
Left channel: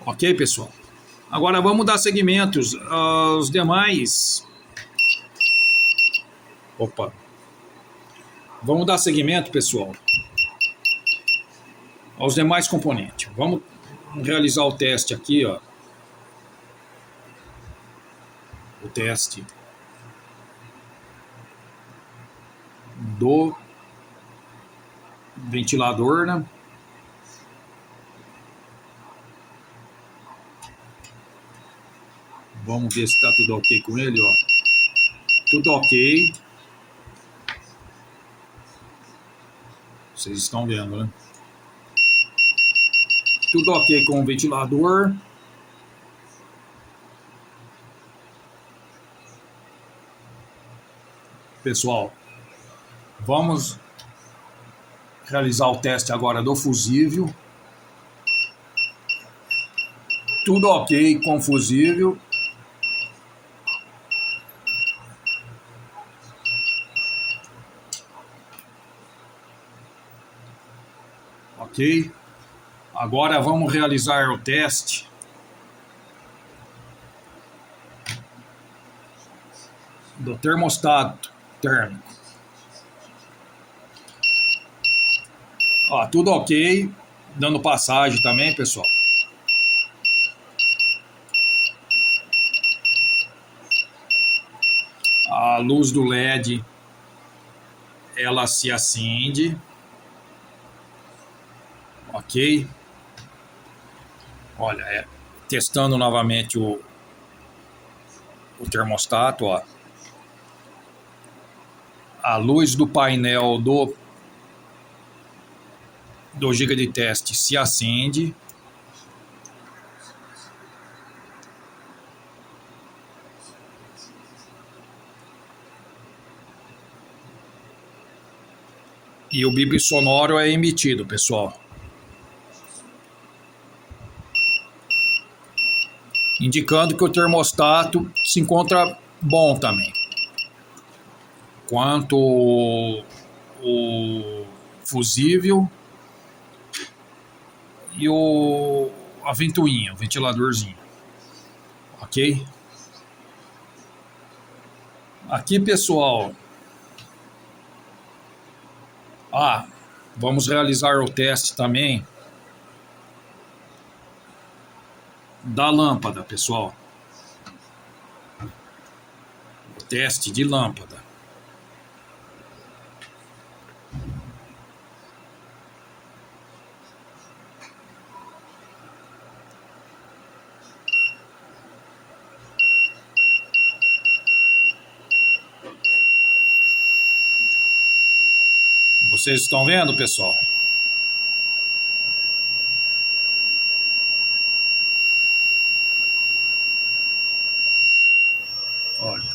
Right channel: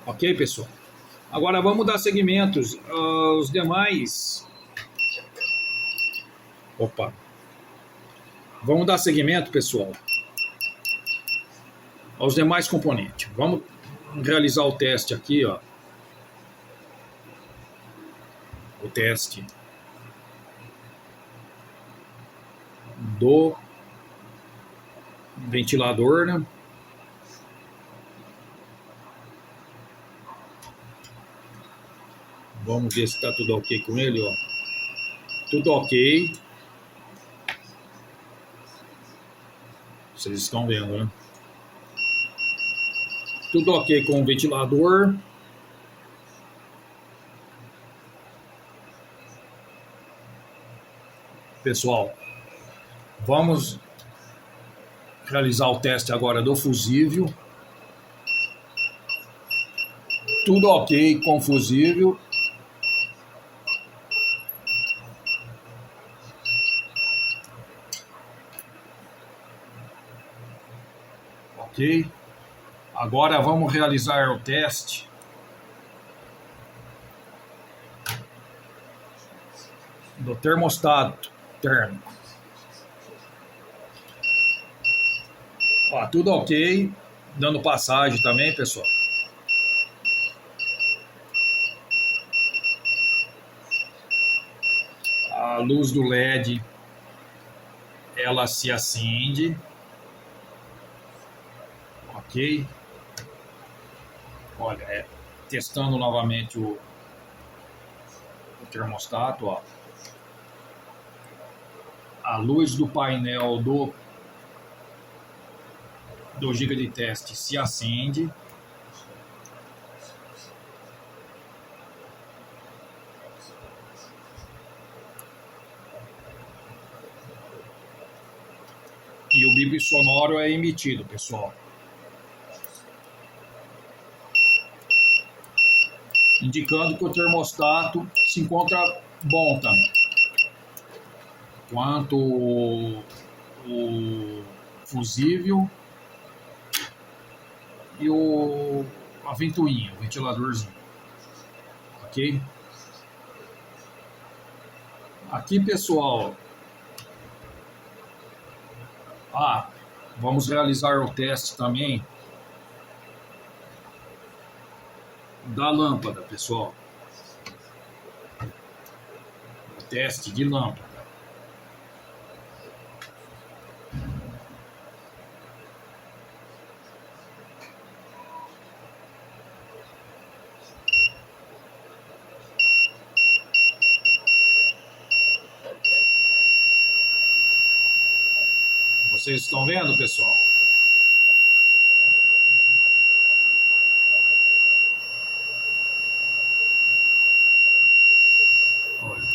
Ok, pessoal? Agora vamos dar seguimentos aos demais. Vamos dar seguimento, pessoal, aos demais componentes. Vamos realizar o teste aqui, ó. o teste do ventilador, né? Vamos ver se está tudo ok com ele, ó. Tudo ok. Vocês estão vendo, né? Tudo ok com o ventilador. Pessoal, vamos realizar o teste agora do fusível. Tudo ok com o fusível. Ok. Agora vamos realizar o teste do termostato térmico. Ó, tudo ok. Dando passagem também, pessoal. A luz do LED, ela se acende. Ok. Olha, testando novamente o termostato, ó. A luz do painel do giga de teste se acende. E o bip sonoro é emitido, pessoal. Indicando que o termostato se encontra bom também. Quanto o fusível e a ventoinha, o ventiladorzinho. Ok? Aqui, pessoal. Vamos realizar o teste também da lâmpada, pessoal. O teste de lâmpada. Vocês estão vendo, pessoal? Olha.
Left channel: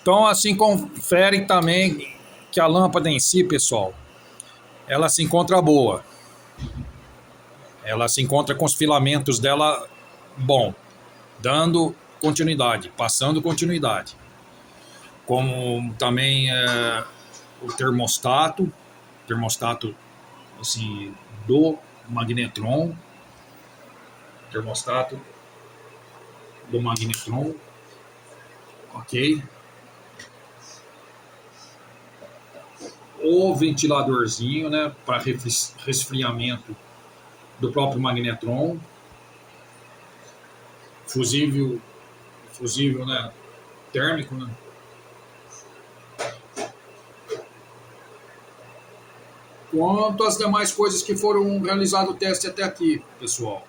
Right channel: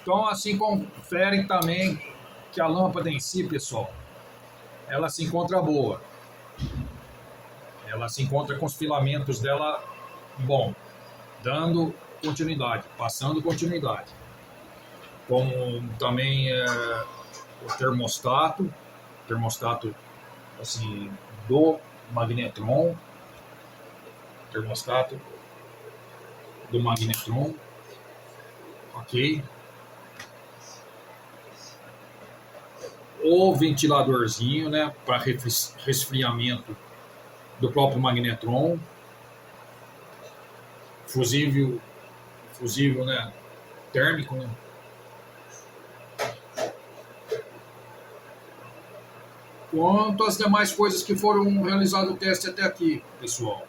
Então, assim, conferem também que a lâmpada em si, pessoal, ela se encontra boa. Ela se encontra com os filamentos dela bom, dando continuidade, passando continuidade. Como também o termostato assim, do magnetron, termostato do magnetron, ok? O ventiladorzinho, né, para resfriamento do próprio magnetron, fusível, né, térmico, né? Quanto às demais coisas que foram realizado o teste até aqui, pessoal,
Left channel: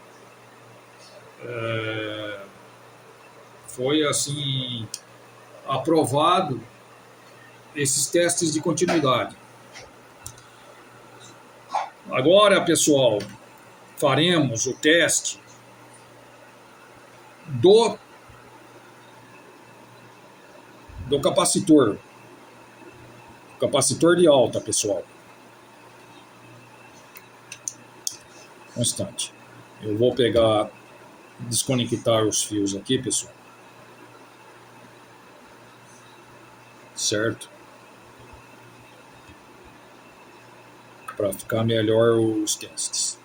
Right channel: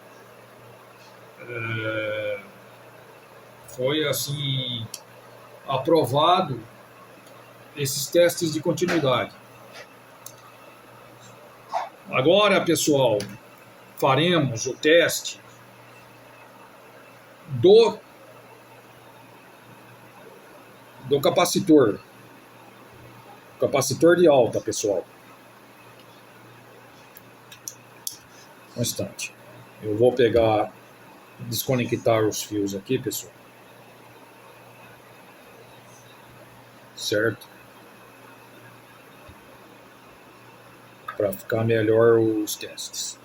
foi assim aprovado esses testes de continuidade. Agora, pessoal, faremos o teste do capacitor de alta, pessoal. Um instante. Eu vou pegar, desconectar os fios aqui, pessoal. Certo? Para ficar melhor os testes.